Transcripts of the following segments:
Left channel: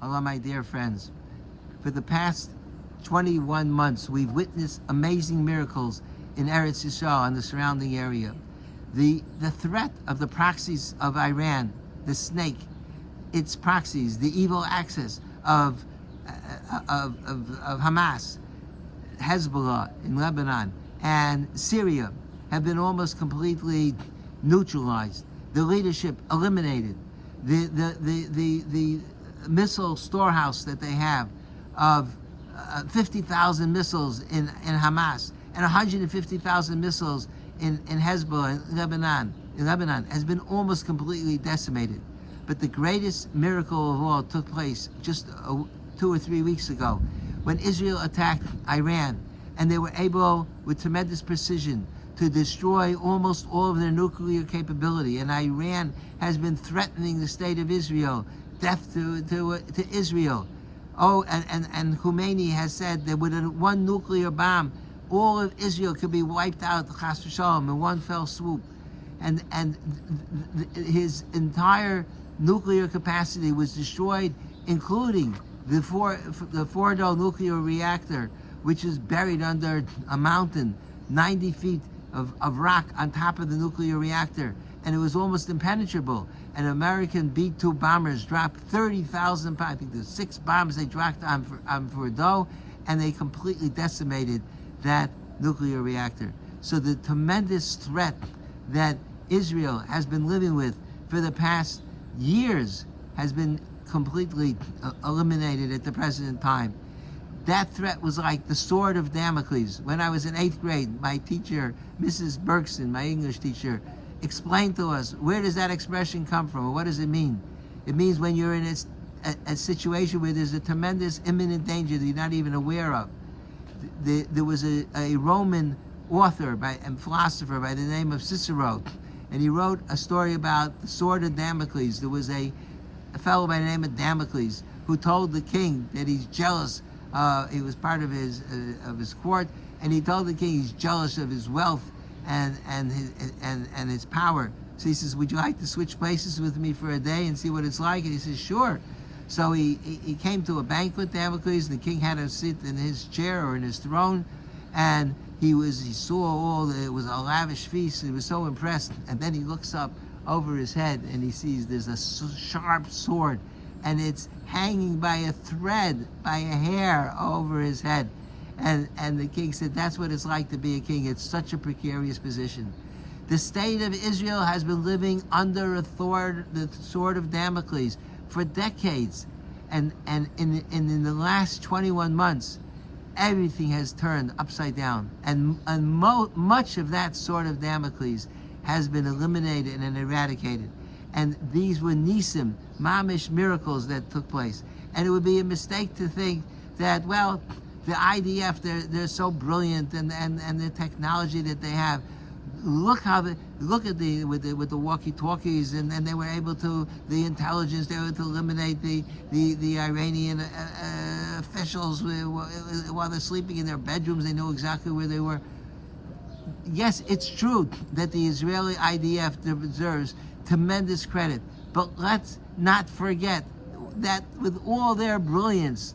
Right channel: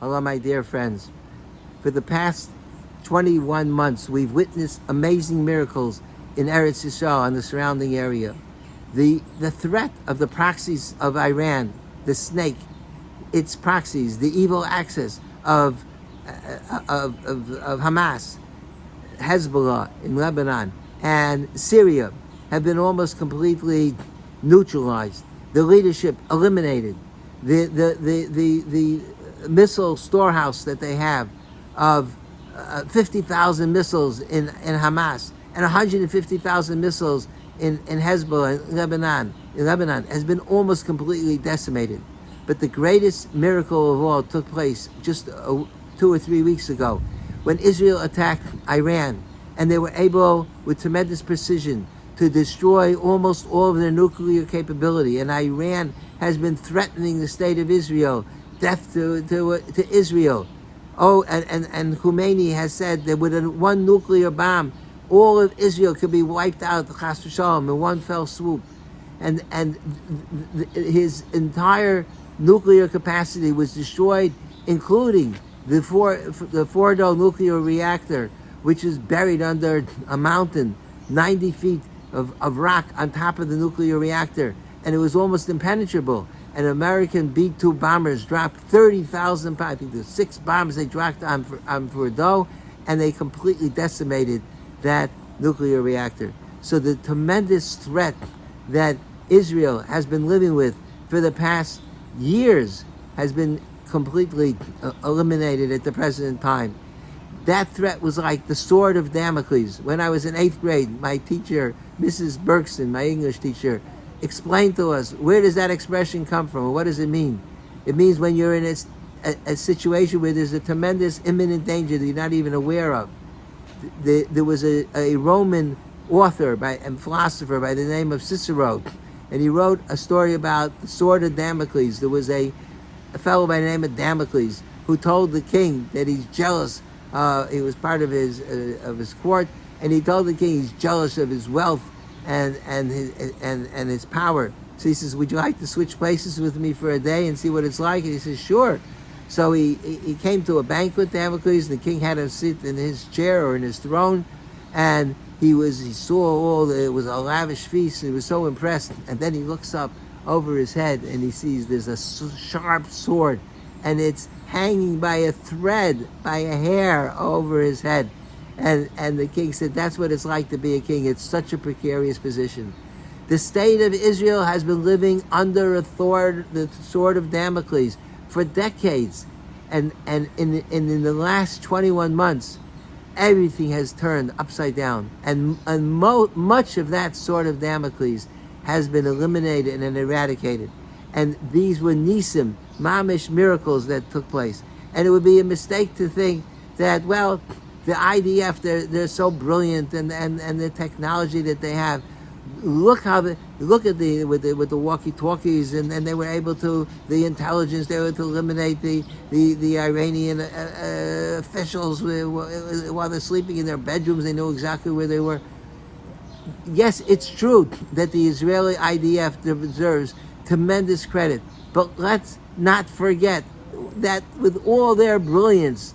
Hello, my dear friends. For the past 21 months, we've witnessed amazing miracles in Eretz Yisrael and the surrounding area. The threat of the proxies of Iran, the snake, its proxies, the evil axis of Hamas, Hezbollah in Lebanon, and Syria have been almost completely neutralized. The leadership eliminated. The missile storehouse that they have of 50,000 missiles in Hamas and 150,000 missiles in Hezbollah in Lebanon has been almost completely decimated. But the greatest miracle of all took place just 2 or 3 weeks ago when Israel attacked Iran, and they were able, with tremendous precision, to destroy almost all of their nuclear capability. And Iran has been threatening the state of Israel, death to Israel. Oh, and Khomeini has said that with one nuclear bomb, all of Israel could be wiped out, chas v'shalom, in one fell swoop. And his entire nuclear capacity was destroyed, including the Fordow nuclear reactor, which is buried under a mountain, 90 feet of rock on top of the nuclear reactor, and it was almost impenetrable. And American B-2 bombers dropped 30,000 pounds. I think there's 6 bombs they dropped on Fordow, and they completely decimated that nuclear reactor. So the tremendous threat that Israel has been living with for the past years has been completely eliminated at the present time. That threat was like the sword of Damocles. When I was in 8th grade, my teacher, Mrs. Bergson, my English teacher, explained to us, where does that expression come from, or what does it mean? It means when you're in a situation where there's a tremendous imminent danger that you're not even aware of. There was a Roman author and philosopher by the name of Cicero, and he wrote a story about the sword of Damocles. There was a fellow by the name of Damocles who told the king that he's jealous. He was part of his court, and he told the king he's jealous of his wealth and his power. So he says, would you like to switch places with me for a day and see what it's like? And he says, sure. So he came to a banquet, Damocles, and the king had him sit in his chair or in his throne, and he saw it was a lavish feast. He was so impressed, and then he looks up over his head and he sees there's a sharp sword, and it's hanging by a thread, by a hair over his head. And the king said, that's what it's like to be a king. It's such a precarious position. The state of Israel has been living under the sword of Damocles for decades. And in the last 21 months, everything has turned upside down. And much of that sword of Damocles has been eliminated and eradicated. And these were nisim, mamish miracles that took place. And it would be a mistake to think that, well, the IDF, they're so brilliant, and the technology that they have. Look at with the walkie-talkies, and they were able to, the intelligence, they were able to eliminate the Iranian officials while they're sleeping in their bedrooms. They knew exactly where they were. Yes, it's true that the Israeli IDF deserves tremendous credit, but let's not forget that with all their brilliance,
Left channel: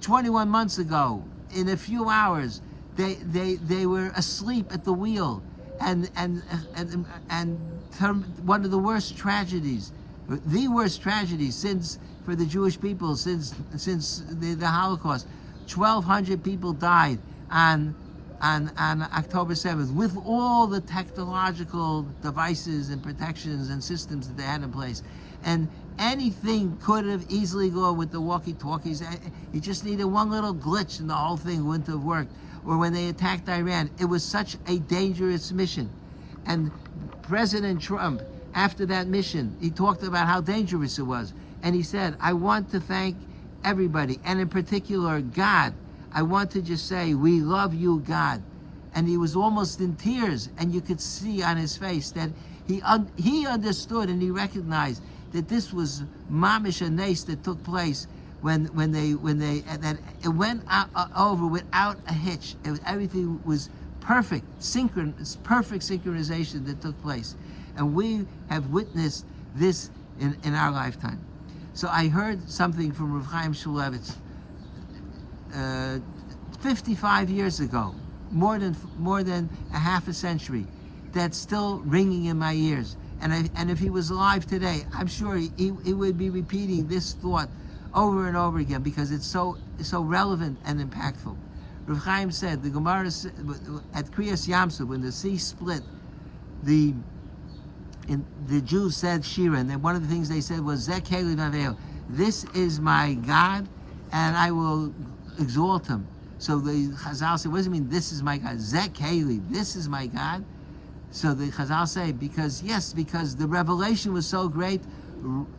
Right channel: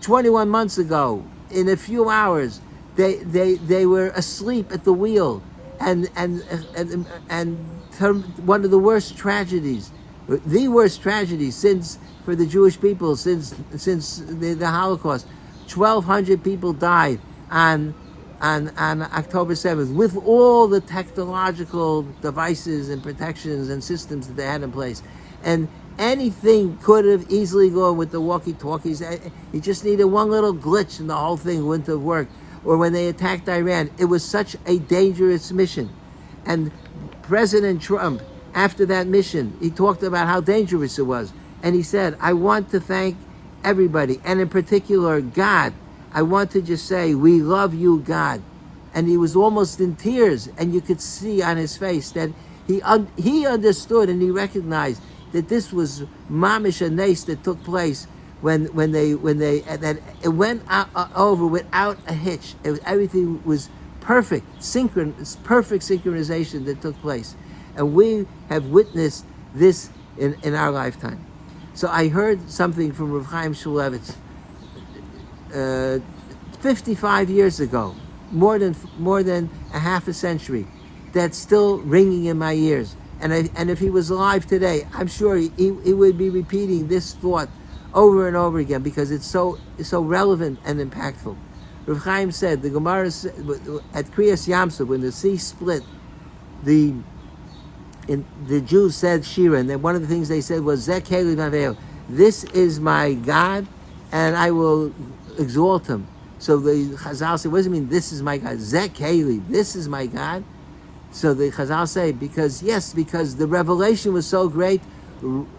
21 months ago, in a few hours, they were asleep at the wheel, and one of the worst tragedies, the worst tragedy for the Jewish people since the Holocaust. 1,200 people died on October 7th, with all the technological devices and protections and systems that they had in place. And anything could have easily gone with the walkie-talkies. You just needed one little glitch and the whole thing wouldn't have worked. Or when they attacked Iran, it was such a dangerous mission. And President Trump, after that mission, he talked about how dangerous it was. And he said, I want to thank everybody, and in particular God. I want to just say, we love you, God. And he was almost in tears, and you could see on his face that he understood and he recognized that this was mamish a nes that took place when it went over without a hitch. Everything was perfect, perfect synchronization that took place, and we have witnessed this in our lifetime. So I heard something from Rav Chaim Shmulevitz 55 years ago, more than a half a century, that's still ringing in my ears. And if he was alive today, I'm sure he would be repeating this thought over and over again, because it's so relevant and impactful. Rav Chaim said, the Gemara at Kriyas Yamsuf, when the sea split, the Jews said Shira, and then one of the things they said was, Zeh Keli Vaveo, this is my God, and I will exalt him. So the Chazal said, what does it mean, this is my God? Zeh Keli, this is my God? So the Chazal say, because the revelation was so great,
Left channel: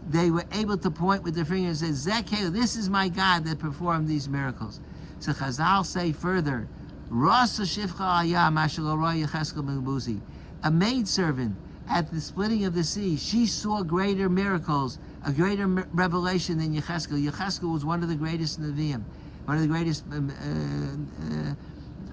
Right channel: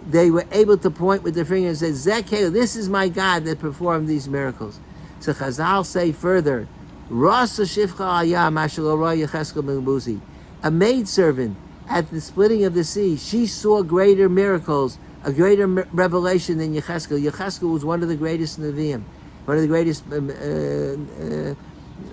they were able to point with their finger and say, Zeh Keli, this is my God that performed these miracles. So Chazal say further, Rasa Shifcha Ayah Mashal Roy Yecheskel Ben Buzi, a maidservant at the splitting of the sea, she saw greater miracles, a greater revelation than Yecheskel. Yecheskel was one of the greatest Nevi'im, one of the greatest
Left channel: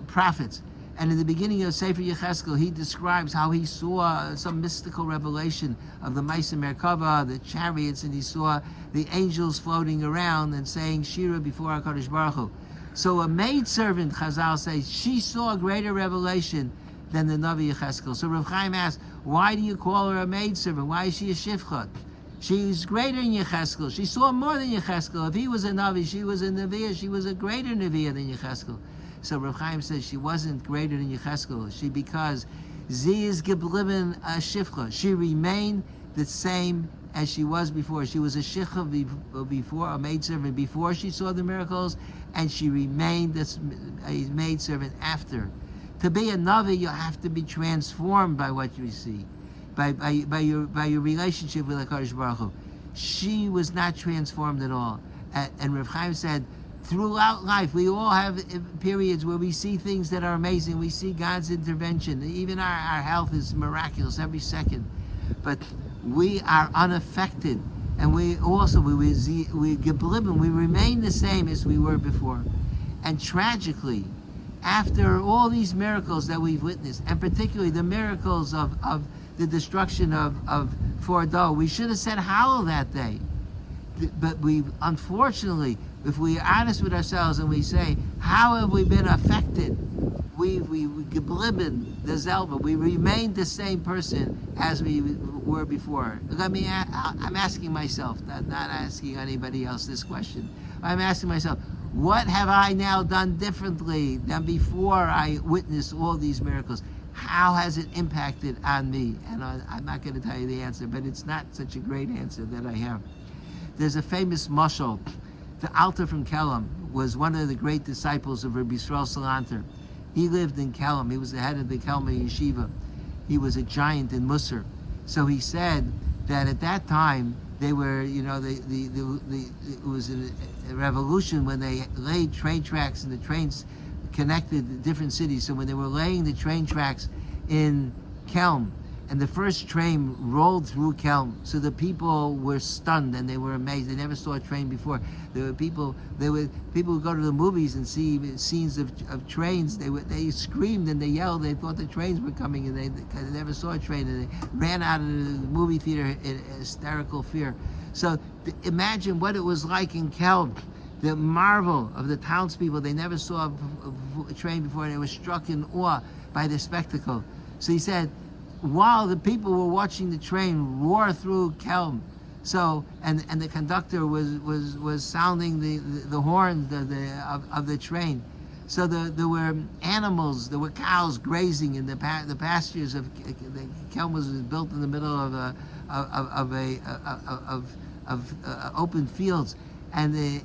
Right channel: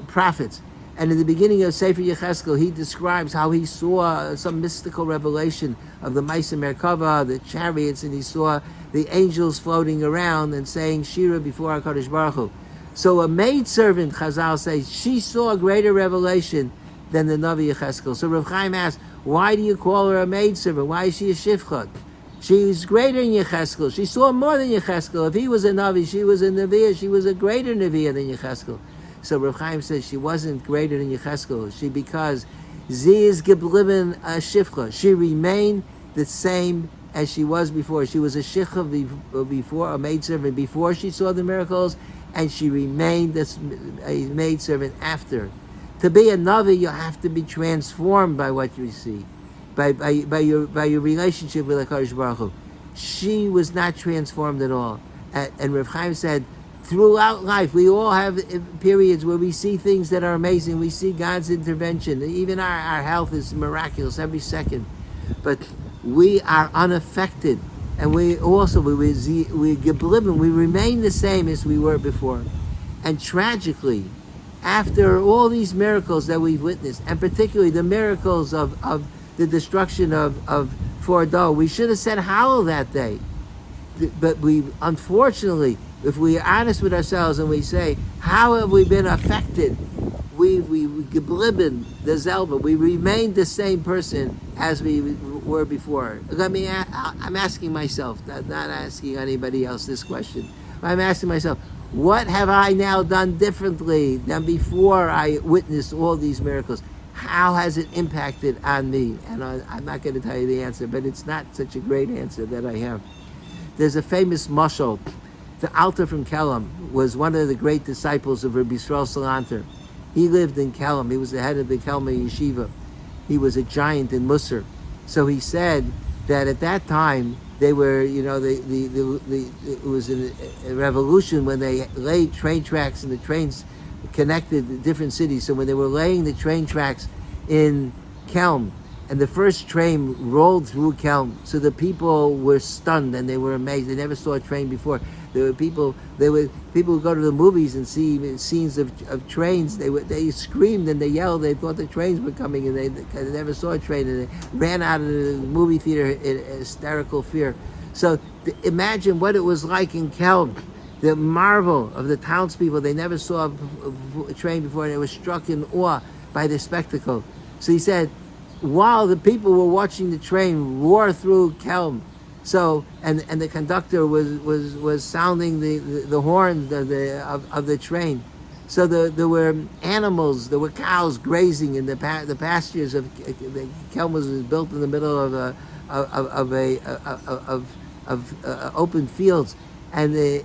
prophets. And in the beginning of Sefer Yecheskel, he describes how he saw some mystical revelation of the Maisa Merkava, the chariots, and he saw the angels floating around and saying Shira before HaKadosh Baruch Hu. So a maidservant, Chazal says, she saw a greater revelation than the Navi Yecheskel. So Rav Chaim asked, why do you call her a maidservant? Why is she a shifcha? She's greater than Yecheskel. She saw more than Yecheskel. If he was a Navi, she was a Nevi'ah. She was a greater Nevi'ah than Yecheskel. So Rav Chaim says she wasn't greater than Yecheskel. Because sie is geblieben a shifcha. She remained the same as she was before. She was a shifcha before, a maidservant before she saw the miracles, and she remained a maidservant after. To be a Navi, you have to be transformed by what you see, by your relationship with HaKadosh Baruch Hu. She was not transformed at all. And Rav Chaim said, throughout life, we all have periods where we see things that are amazing. We see God's intervention. Even our health is miraculous every second. But we are unaffected. And we remain the same as we were before. And tragically, after all these miracles that we've witnessed, and particularly the miracles of the destruction of Fordow, we should have said Hallel that day. But we, unfortunately, if we are honest with ourselves and we say, how have we been affected? We geblieben the Zelba. We remained the same person as we were before. I'm asking myself, not asking anybody else this question. I'm asking myself, what have I now done differently than before I witnessed all these miracles? How has it impacted on me? And I'm not going to tell you the answer, but it's not such a great answer that I have. There's a famous mashal. The Alter from Kelm was one of the great disciples of Rabbi Yisrael Salanter. He lived in Kelm. He was the head of the Kelm yeshiva. He was a giant in Musar. So he said that at that time, they were, it was a revolution when they laid train tracks and the trains connected different cities. So when they were laying the train tracks in Kelm, and the first train rolled through Kelm, so the people were stunned and they were amazed. They never saw a train before. People would go to the movies and see scenes of trains. They screamed and they yelled. They thought the trains were coming, and they never saw a train, and they ran out of the movie theater in hysterical fear. So imagine what it was like in Kelm. The marvel of the townspeople. They never saw a train before, and they were struck in awe by the spectacle. So he said, while the people were watching the train roar through Kelm, and the conductor was sounding the horn of the train, so there were animals, there were cows grazing in the pastures of the Kelm was built in the middle of open fields, and the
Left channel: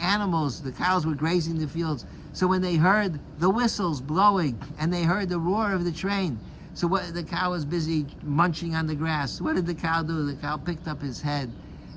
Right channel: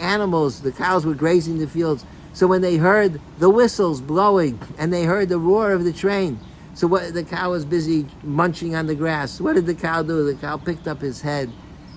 animals, the cows were grazing the fields. So when they heard the whistles blowing and they heard the roar of the train, so the cow was busy munching on the grass. What did the cow do? The cow picked up his head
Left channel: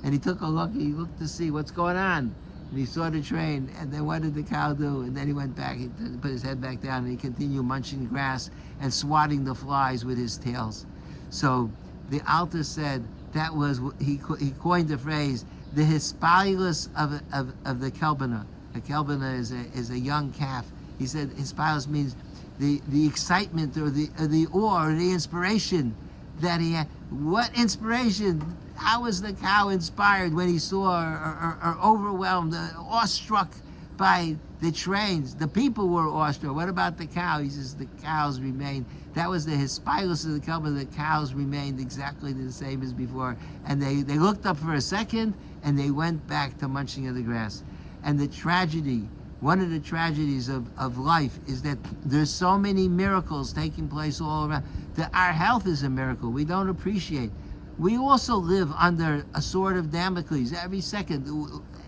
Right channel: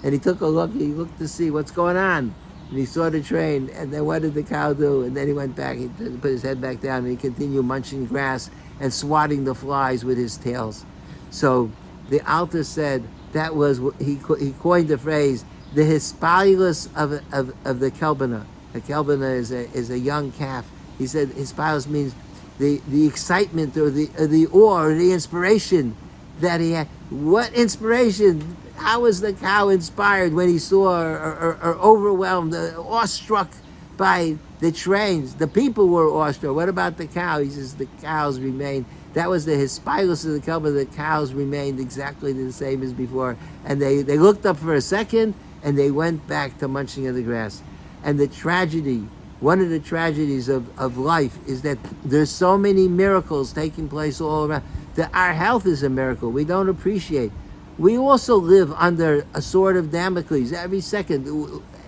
and he took a look. He looked to see what's going on. And he saw the train. And then what did the cow do? And then he went back. He put his head back down and he continued munching grass and swatting the flies with his tails. So the Alter said that was, he coined the phrase, the hispalus of the kelbana. The kelbana is a young calf. He said hispalus means the excitement or the awe or the inspiration that he had. What inspiration How was the cow inspired when he saw or overwhelmed, awestruck by the trains? The people were awestruck. What about the cow? He says the cows remained. That was the hispilus of the Kelba. The cows remained exactly the same as before. And they looked up for a second and they went back to munching of the grass. And the tragedy, one of the tragedies of life is that there's so many miracles taking place all around, that our health is a miracle. We don't appreciate. We also live under a sword of Damocles every second.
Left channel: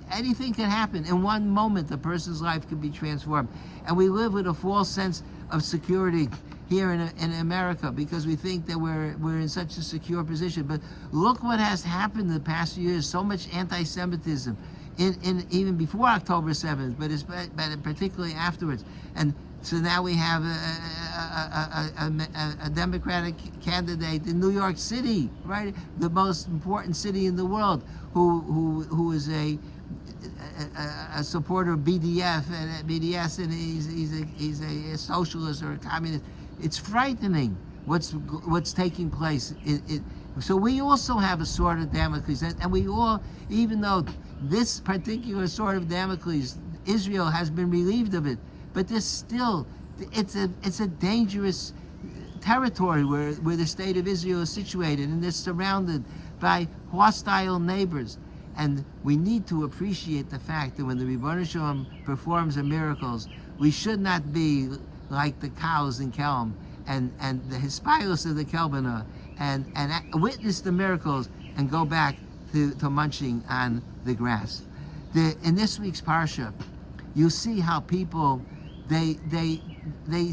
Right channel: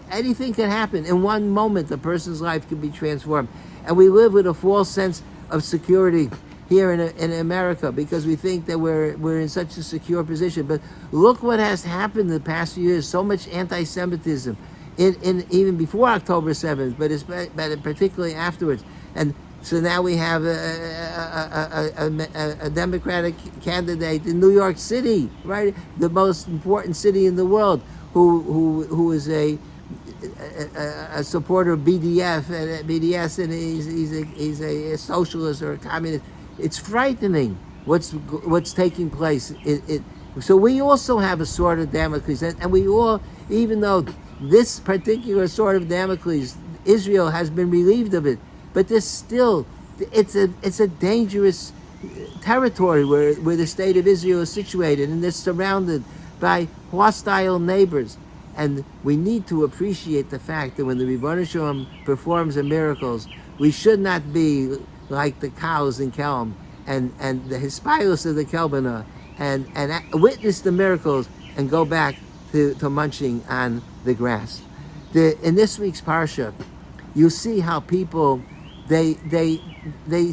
Anything can happen. In one moment, a person's life can be transformed. And we live with a false sense of security here in America because we think that we're in such a secure position. But look what has happened in the past few years. So much anti-Semitism, in even before October 7th, but particularly afterwards. And so now we have a Democratic candidate in New York City, right, the most important city in the world, who is a supporter of BDS, and he's a socialist or a communist. It's frightening what's taking place. So we also have a sword of Damocles, and we all, even though this particular sword of Damocles, Israel has been relieved of it, but there's still, it's a dangerous territory where the state of Israel is situated, and they're surrounded by hostile neighbors. And we need to appreciate the fact that when the Ribono Shel Olam performs the miracles, we should not be like the cows in Kelm and the hispilus of the Kelbana and witness the miracles and go back to munching on the grass. In this week's parsha, you see how people they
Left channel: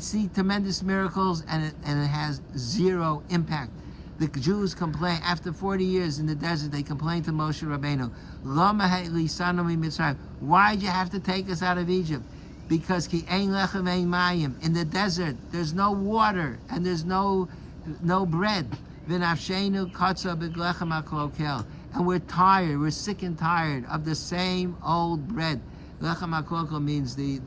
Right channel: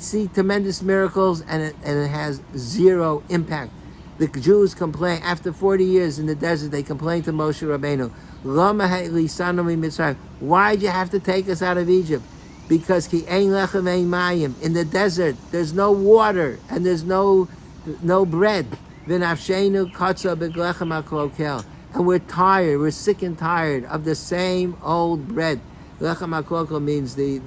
see tremendous miracles and it has zero impact. The Jews complain after 40 years in the desert. They complain to Moshe Rabbeinu, "Lama ha'lisanu miMitzrayim? Why'd you have to take us out of Egypt? Because ki ein lechem ein mayim. In the desert, there's no water and there's no bread. V'nafshenu katza b'lechem ha'klokel. And we're tired. We're sick and tired of the same old bread. Lechem ha'klokel means the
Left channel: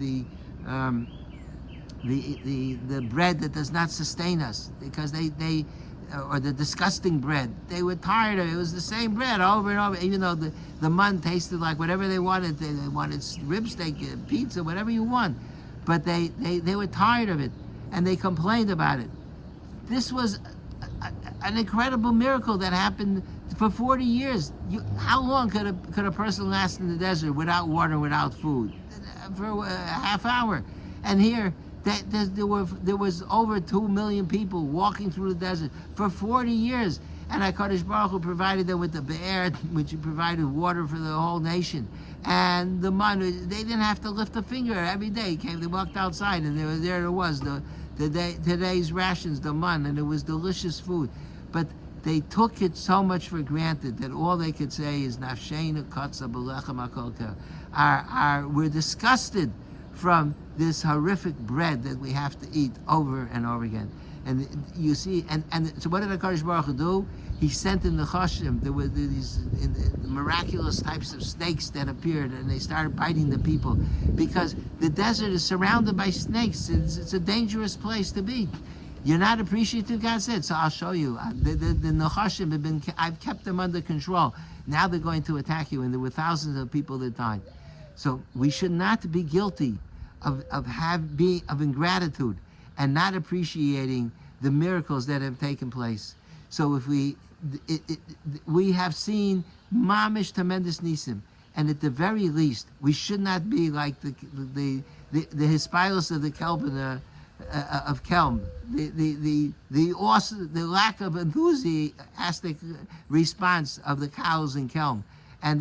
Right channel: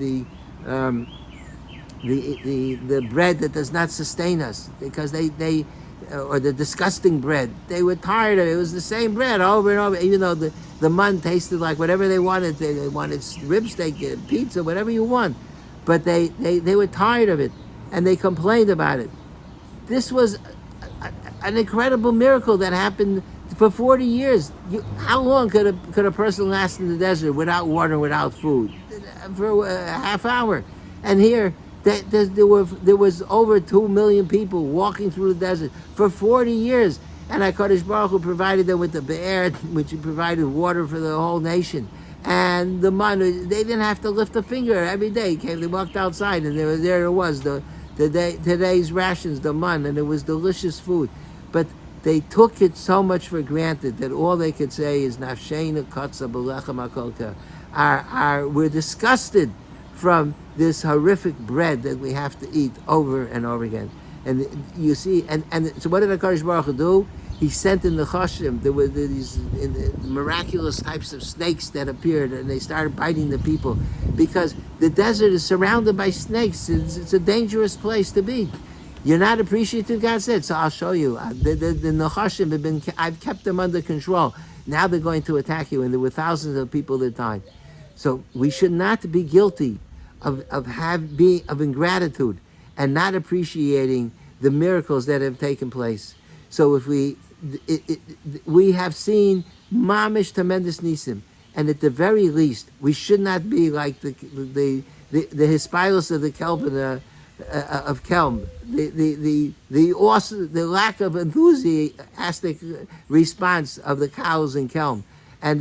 bread that does not sustain us, because they or the disgusting bread. They were tired of it. It was the same bread over and over, even though the mun tasted like whatever they wanted. They wanted rib steak, pizza, whatever you want. But they were tired of it, and they complained about it. This was an incredible miracle that happened for 40 years. How long could a person last in the desert without water and without food? For a half hour. And here, there was over 2 million people walking through the desert for 40 years, and HaKadosh Baruch Hu provided them with the be'er, which provided water for the whole nation, and the man. They didn't have to lift a finger every day. They walked outside, and there it was, today's rations, the man, and it was delicious food. But they took it so much for granted that all they could say is nafsheinu katza b'lechem hakolka. We're disgusted from this horrific bread that we have to eat over and over again. And you see, and so what did HaKadosh Baruch Hu do? He sent in the Chashim. There were these miraculous types of snakes that appeared, and they started biting the people, because the desert is surrounded by snakes. It's a dangerous place to be. You're not appreciative, God said, so I'll show you. The Nechashim have been, I've kept them under control. Now they're going to attack you, and there were thousands of people that died. So we should not be guilty of ingratitude and not appreciating the miracles that have taken place. So if we have seen mamish tremendous nisim, and at the very least, we should not be like the hispilus of the Kelm of Kelm, the lack of enthusiastic response of the cows in Kelm, and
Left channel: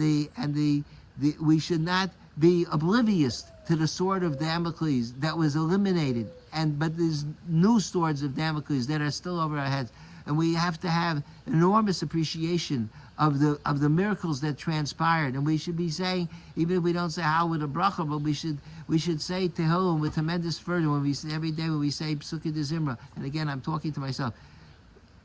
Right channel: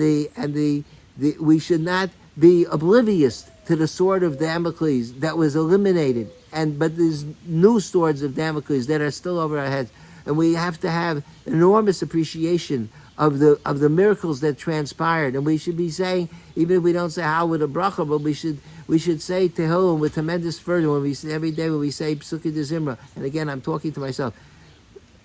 we should not be oblivious to the sword of Damocles that was eliminated, but there's new swords of Damocles that are still over our heads, and we have to have enormous appreciation of the miracles that transpired. And we should be saying, even if we don't say how with a bracha, but we should say Tehillim with tremendous fervor when we say, every day when we say Psukei de Zimra. And again, I'm talking to myself,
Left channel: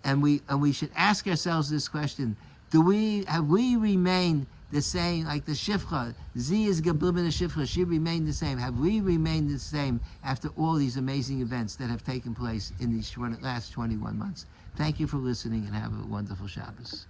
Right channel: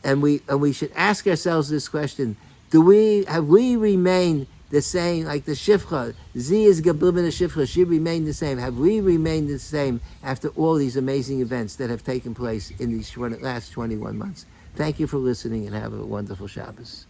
and we should ask ourselves this question: have we remained the same, like the Shifcha? Z is Geblieben the Shifcha. She remained the same. Have we remained the same after all these amazing events that have taken place in these last 21 months? Thank you for listening, and have a wonderful Shabbos.